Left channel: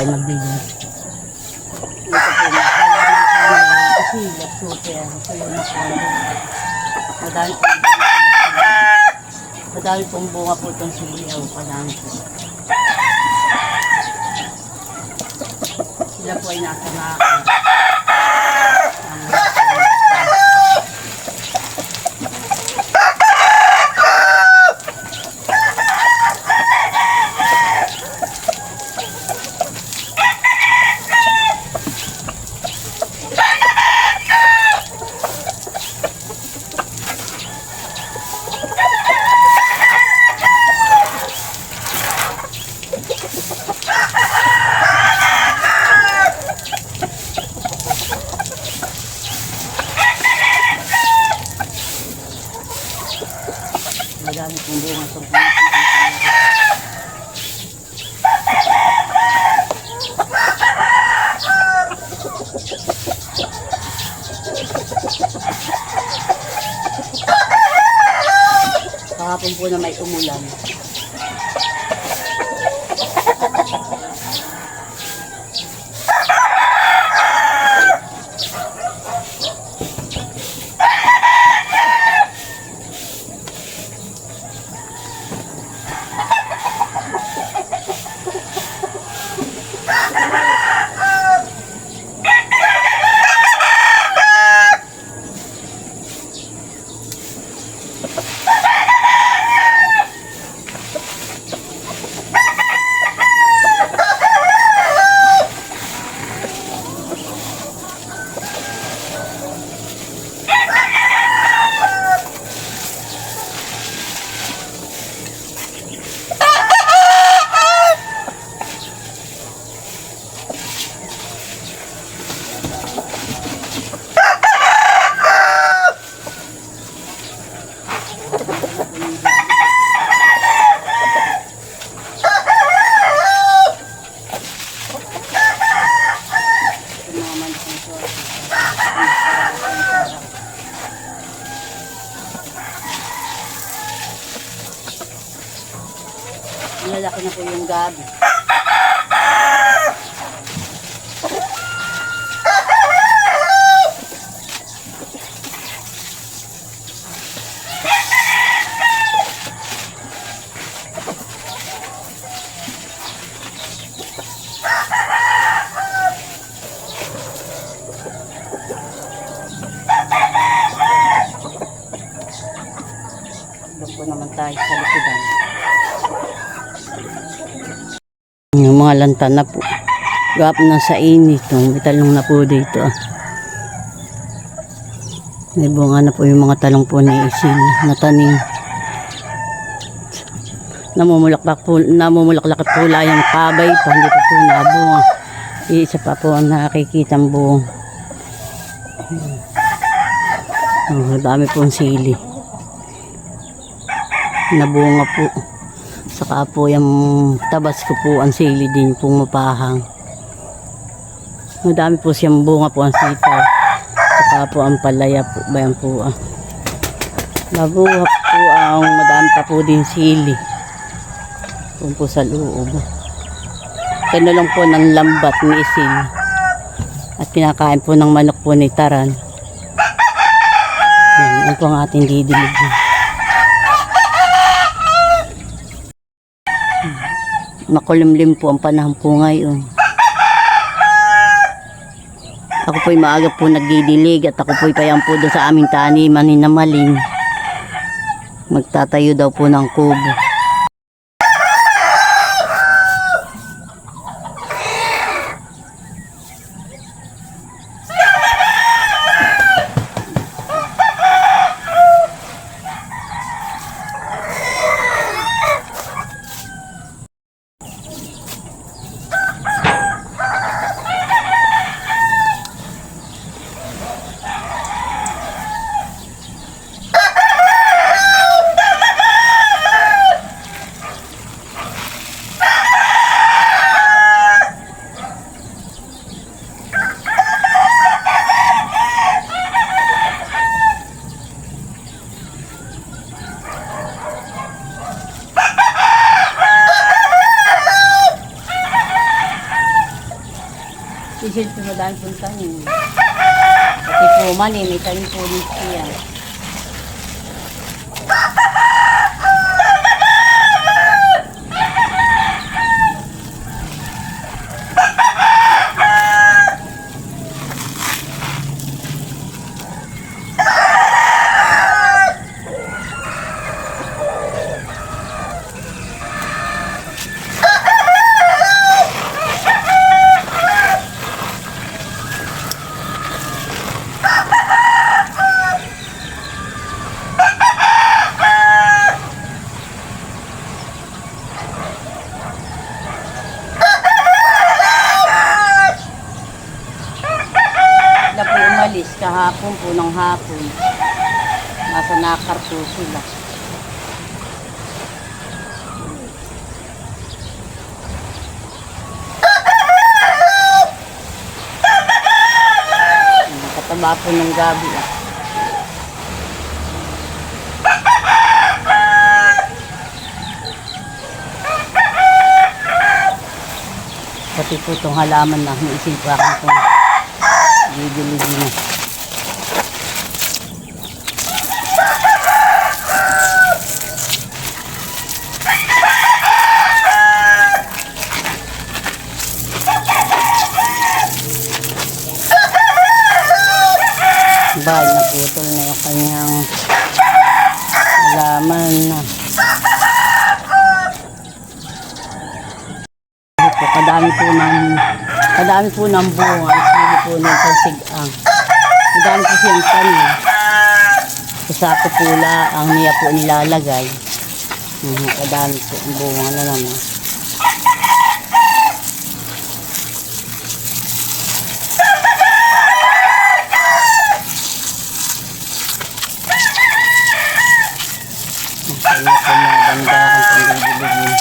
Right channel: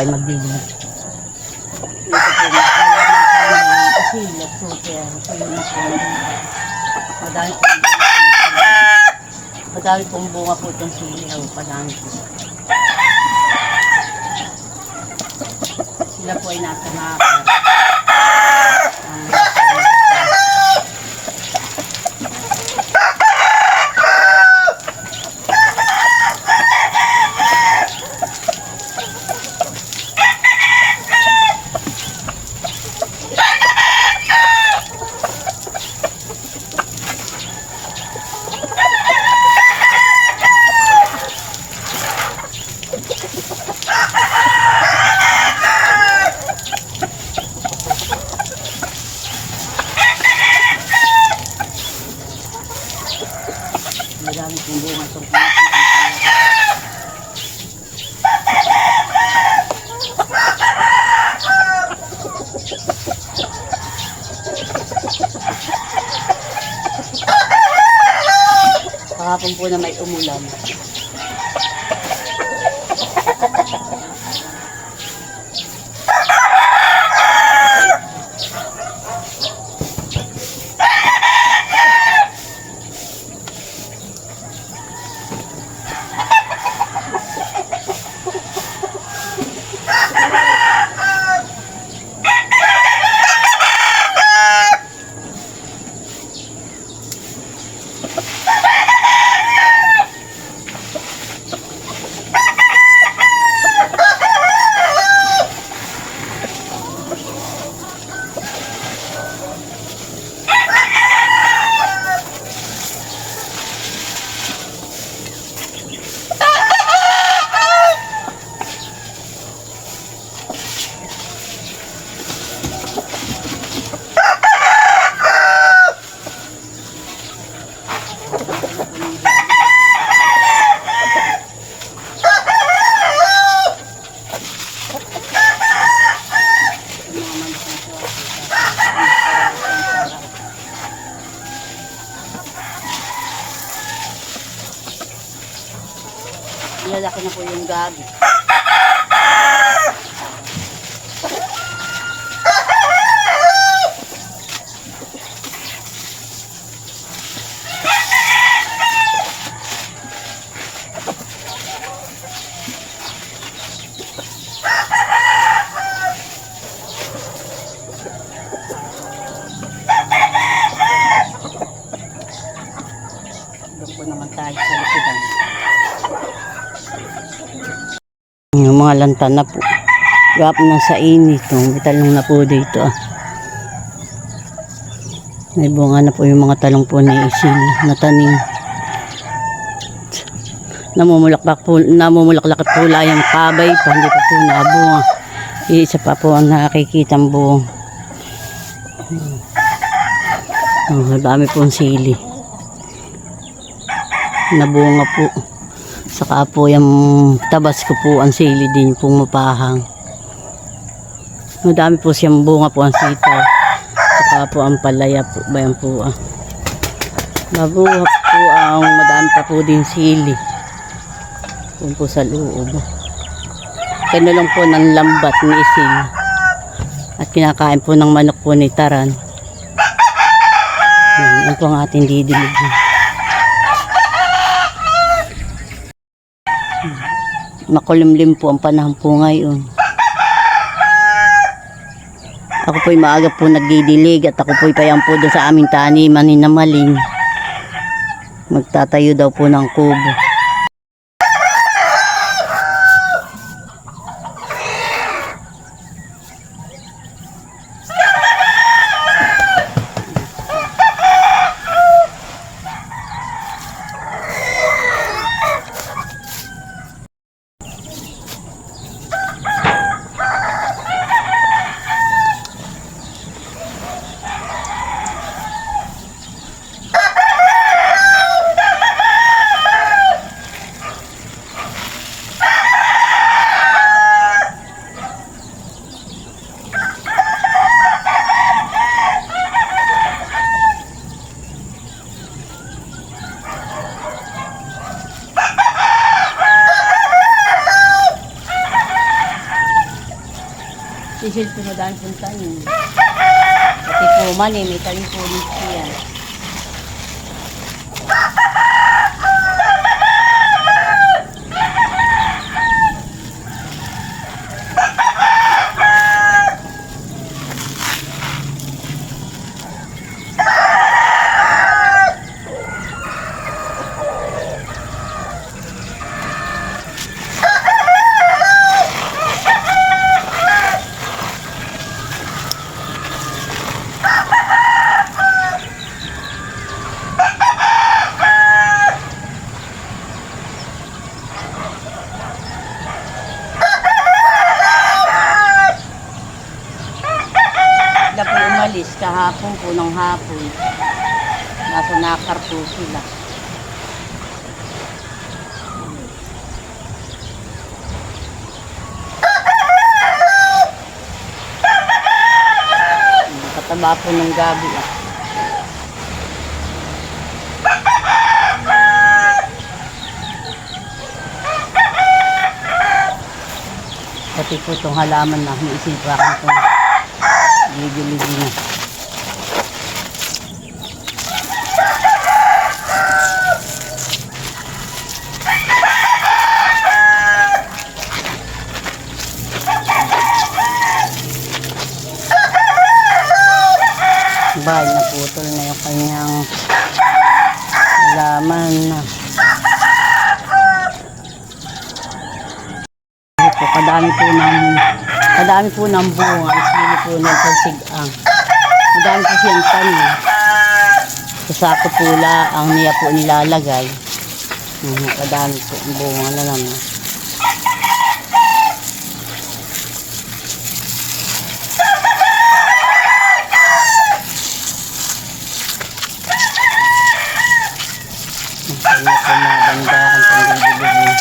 ay magdidilig. Ito po, malaman po yung isilat po kaya ito yung nakuhan din. Madami pong bunga po itong siliyaw. Madami po. Sila po ay nasa nakakar. Madami pong bunga itong kahapon po na may umulan. Lalaki na po yung gabi. Doon po naman tayo sa likudan. Yung mga lantan na po. Gap na sa init. May talong na po dito. May bunga na po yung mga talong po na isil na tanim. Namumulaklak po yung kabay pa. Hindi pa po nabunga. Isa pa po ang nakikitang buong. Dami pong sili. Nabunga po. Saka po yung tabas ko po ang sili din pong mapahang. Madami po siyang bunga po ang sitaw. Saka po ang palaya po. Bayan po mabuha po ang madami pa po din sili. Kung po sa loob. Kinulong po ng lambat ni isil. At pinakain po ng manok po ni Taran. Yan po ang ating didilig. Makulimlim po ang panahon po ngayon. Ako po'y maaga po nagdidilig at ako po'y payang po doon sa aming taniman ni Namaling. Magtatayo daw po ng kubo. Isil po madami pong tanim. Pati po mali, may tanim po dito yan. Sila po umalis kahapon po ng hapon. Nasa Nakar po sila. Kataba po nung gabi ah. Pati po itong halaman na hiisipakan ko. Gigiligi na. Bahay na putol na yung kanyang halaman na. Kadami po ng bunga. Sili po ng pagsigang. Madami po siyang tanim. Sa sako pula ang niya po nilalagay. Kadami po ang bunga na naman. Kaya po mabandakan po ang gilid-gilid.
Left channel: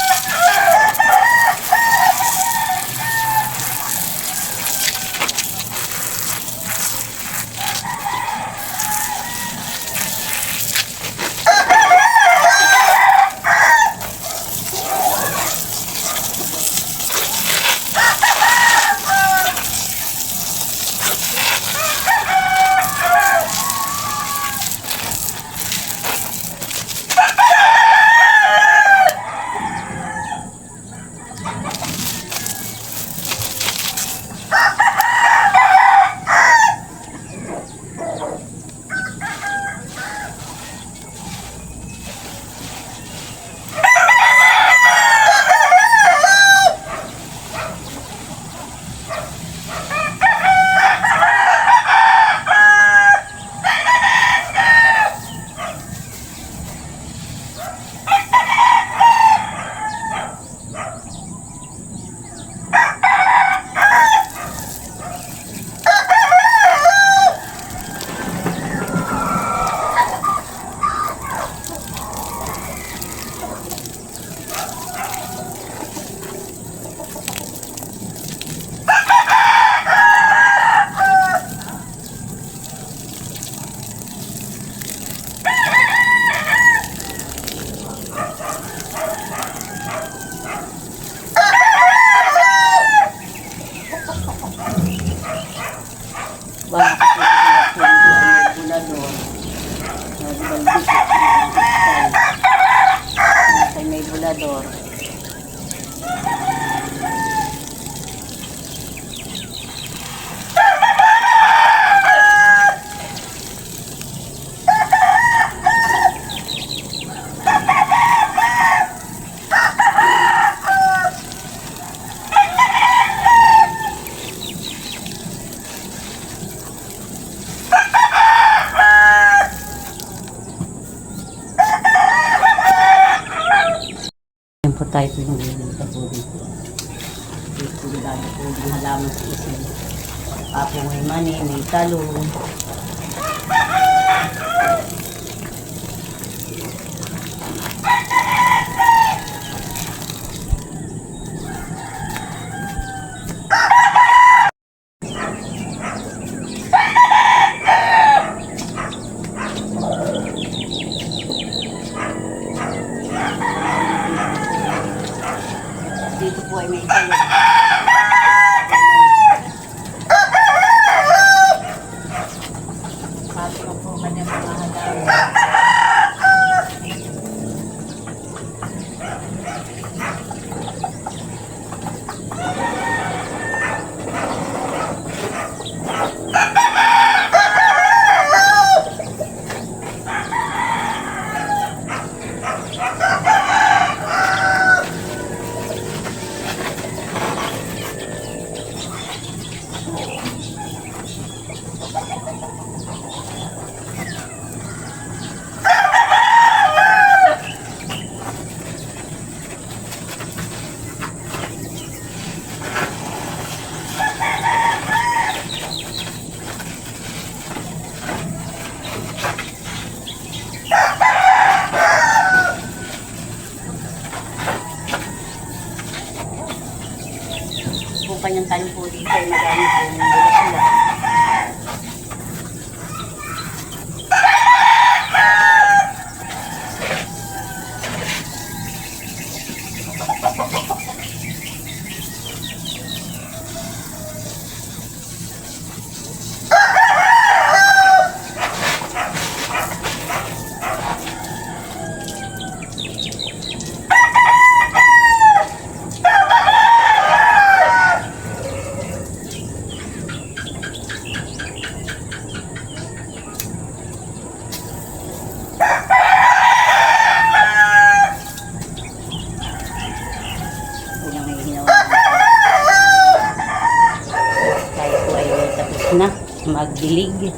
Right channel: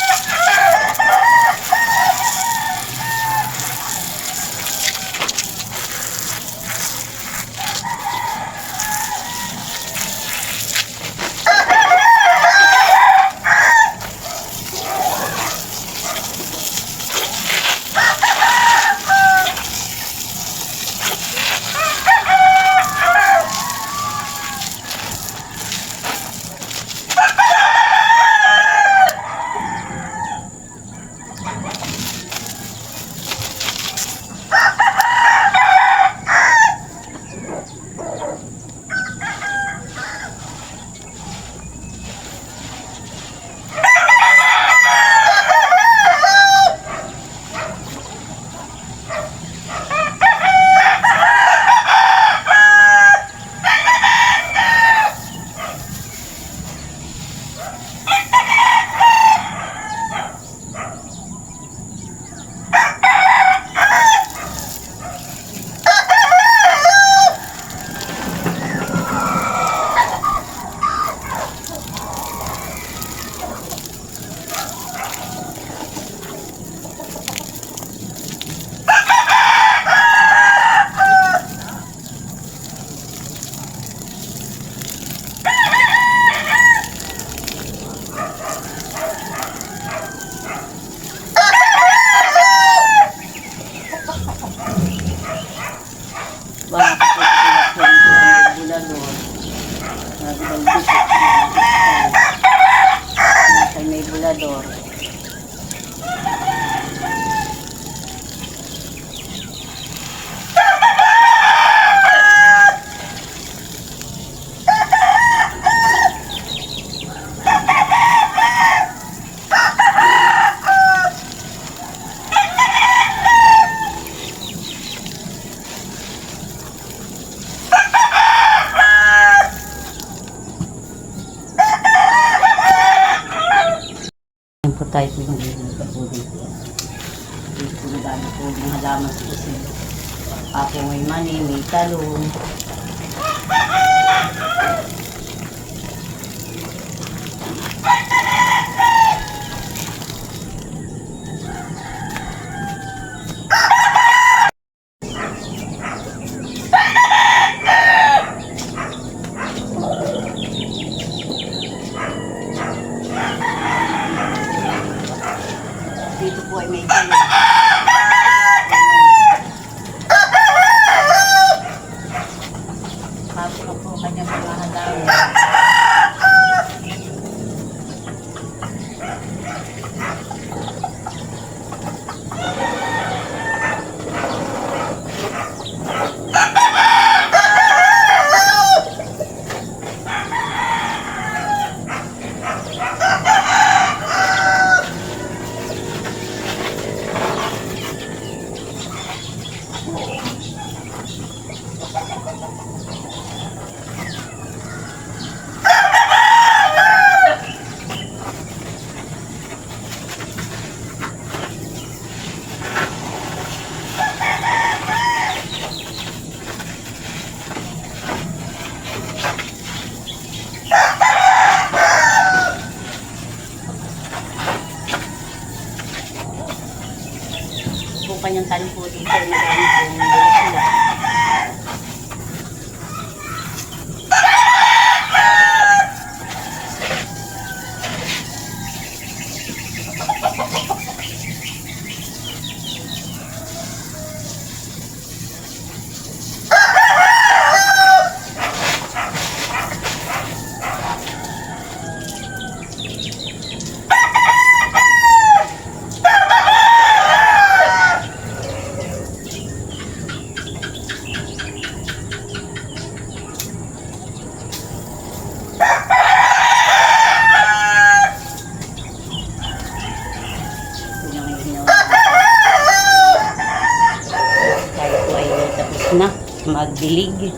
Baka po sila ang bulador. Nagbalbis nasa may bulador. Po tayo pinagigilita po dito. Dito dami po ng halaman sa isin. Ako may mani, may talong. Dito po ay may talong. Kung kanyang tanim po dito ay madami pong bula-bula. Tayo po ay tapos na magdilig.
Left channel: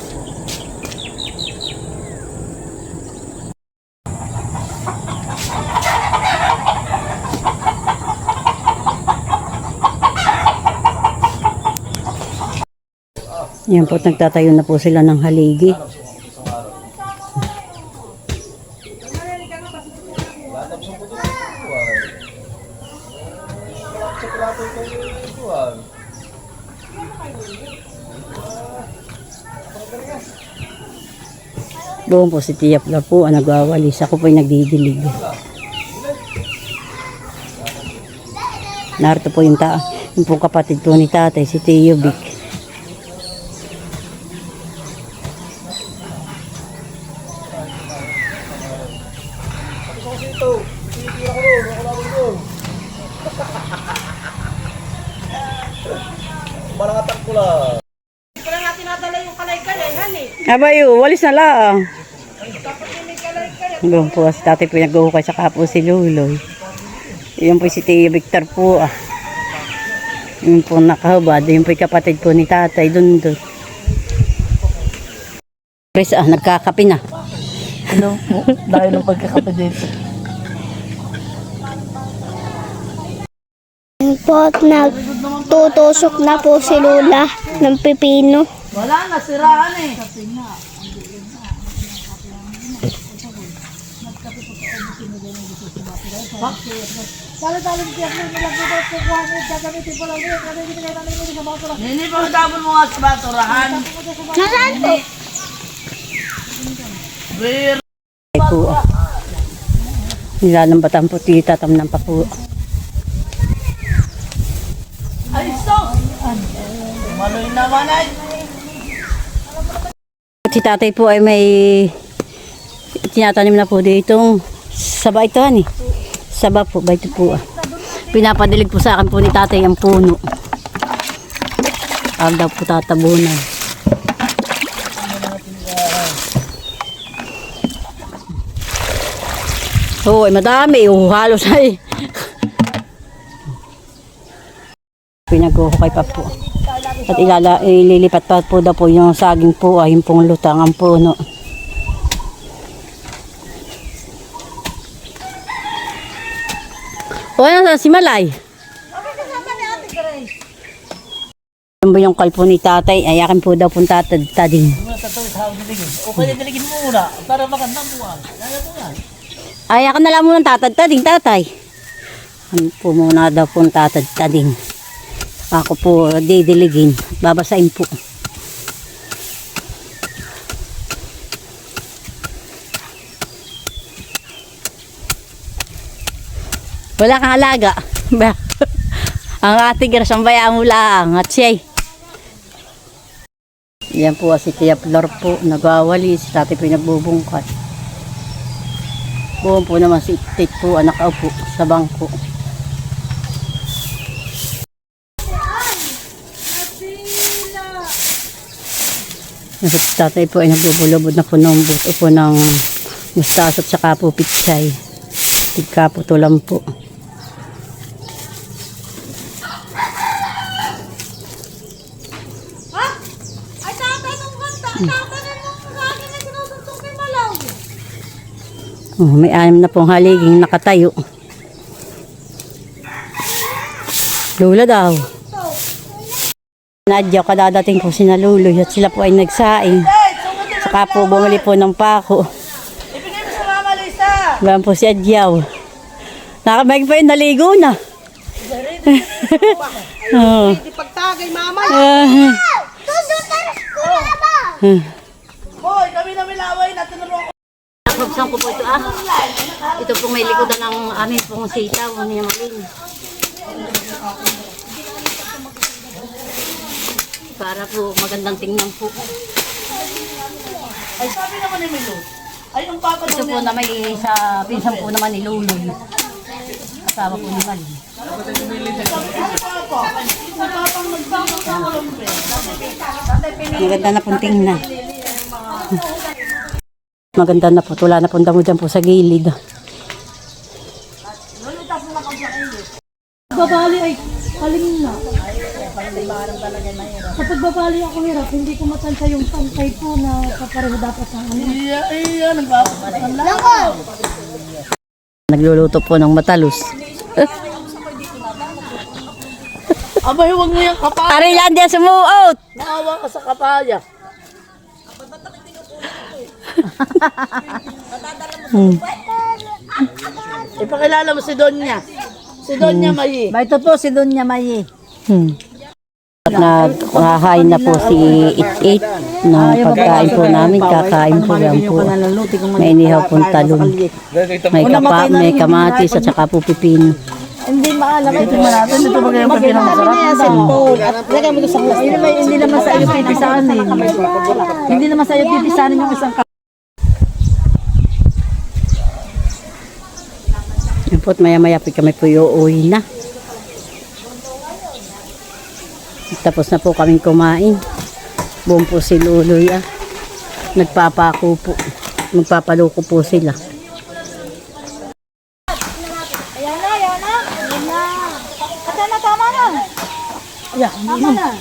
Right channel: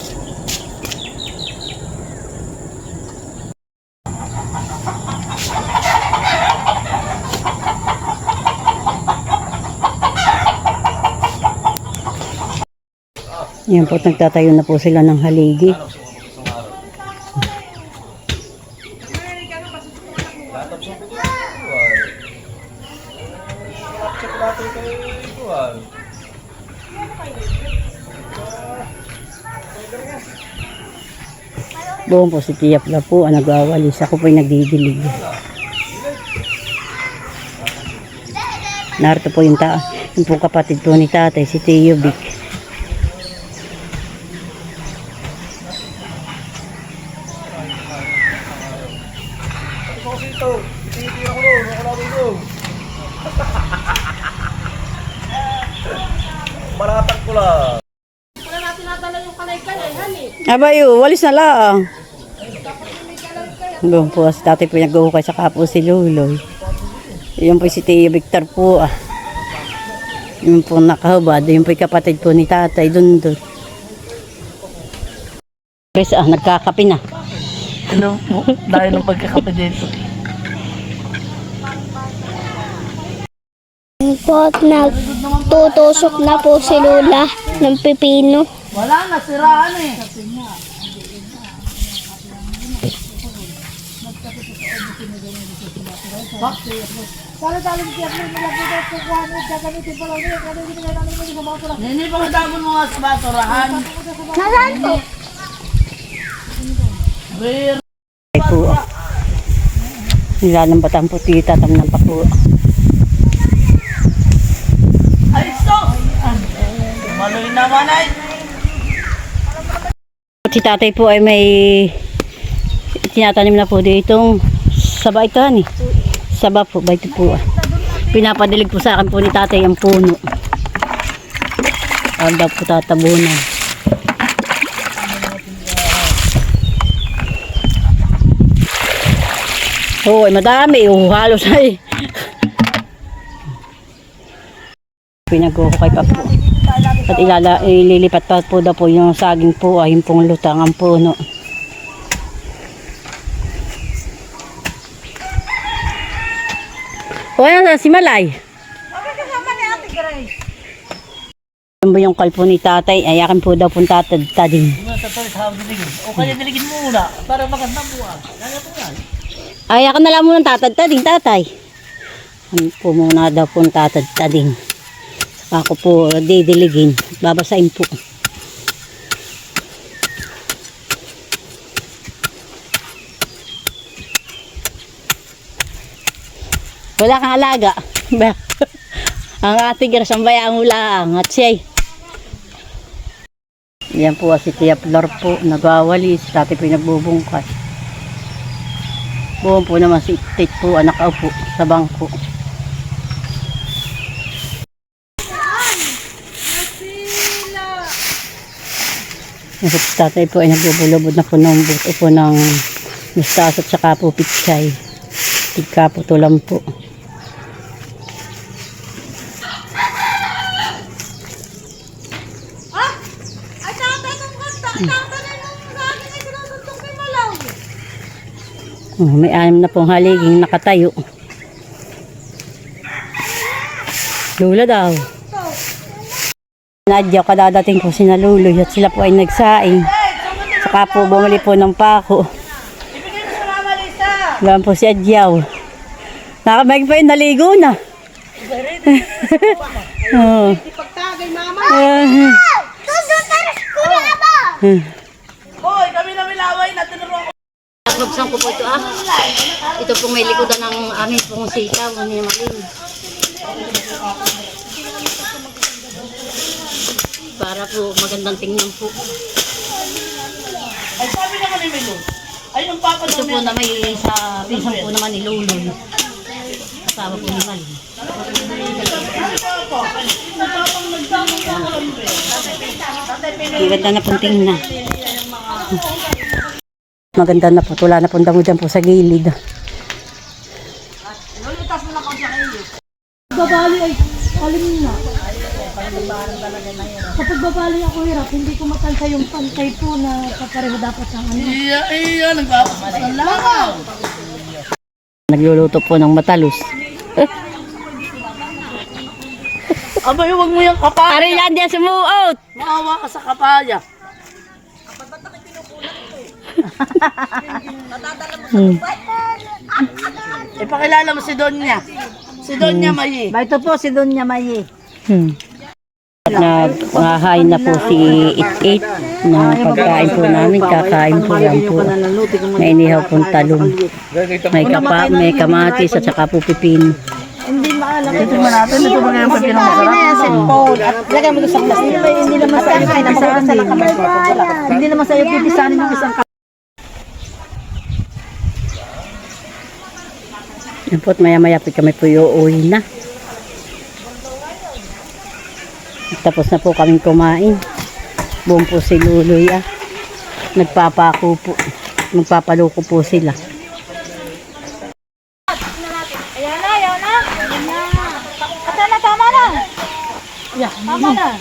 Yan po, nagtatayo na po sila ng haligi. Doon po si Tia Pla po ang nagwawalis. Ako po ay nagdidilig. Narito po yung pong kapatid po ni tatay, si Tio Vic. Malakat ko lang. Abayo, walis na lang. Doon po si tatay po nag-uhukay sa kapo si Luloy. Yun po si Tio Victor po. Yun po nakahubad. Yun po yung kapatid po ni tatay. Doon. Chris, nagkakape na. Ano po? Dahil ng pagkakape dito. Po, nagtutusok na po si Lola ng pipino. Wala na, siraan eh. Nini, pagdabon mo nga sa baturahan. Nasaan po? Ay po. Nilalambatan po tita, tamnan pa po. Ay, so! Maloy naman ay. Si tatay po ay may tinatanim na po dito. Saba ito ni. Saba po, ba ito po. Pinapadilig po sa akin po ni tatay ang puno. Ang daw po tatabunan. Oo, ay madami. Halos ay. Pinag-uhukay pa po. At ililipat pa po daw po yung saging po ay yung pong lutang ang puno. O yan si Malay. Yan ba yung kalpo ni tatay? Ay akin po daw pong tatadtading. O kaya diligin mo muna. Para magandang buwan. Ay akin na lang muna tatadtading tatay. Ano po muna daw pong tatadtading. Ako po didiligin. Babasain po. Wala kang alaga. Ang ate Gras, ang bayaan mo lang. At siya'y Yan po si Tia Flor po, nagwawali. Si Tati po yung nagbubungkas. Buwan po naman si Tit po, anak po sa bangko. Yan po si Tatay po ay nagbubulubod na po ng buto po ng mustasa at saka po pitsay. Tigka po tulang po. Oh, may 6 na pong haliging nakatayo. Lula daw. Nadya, kadadating po sina Luloy at sila po ay nagsaing. Saka po bumili po ng pako. Gaan po si Adyaw. Nakamay pa yung naligo na. Oh. Hoy, kami na milaway na tinuruan ko. Nakrupsan ko po ito Ito pong may likodan ng amin pong sitaw ni Maling. Para po magandang tingnan po. Ay, sabi naman ni Milo. Ay, ang papa Ito po na may sa pinsang po naman ni Luloy. Kasama po ni Maling. Maganda na pong tingnan. Maganda na po. Wala na pong damo dyan po sa gilid. Babali ay alim na. Kapag babali ako hirap, hindi ko matansya yung pantay po na kapareho dapat ang ano. Iya, nagpapalakaw. Nagluluto po ng matalos. Abay, huwag mo yung kapaya. Arilandia sumuot! Maawa ka sa kapaya. Ipakilala mo si Donya. Si Donya Mayi. Ito po si Donya Mayi. At naghahain na po si It-It ng pagkain po namin. Kakain po yan po. May inihaw pong talong. May kamatis at saka po pipino. Hindi maalam. Tingnan natin, ito ba ganyan pag masarap? Cellphone. At lagay mo sa plastic. Hindi naman sa iyo pipisanin. Hindi naman sa iyo pipisanin yung isang Yan po at maya-maya po kami po uuwi na. Tapos na po kaming kumain. Buong po si Luloy Nagpapako po. Magpapaluko po sila. Ayan na. Tama na. Yeah, tama na.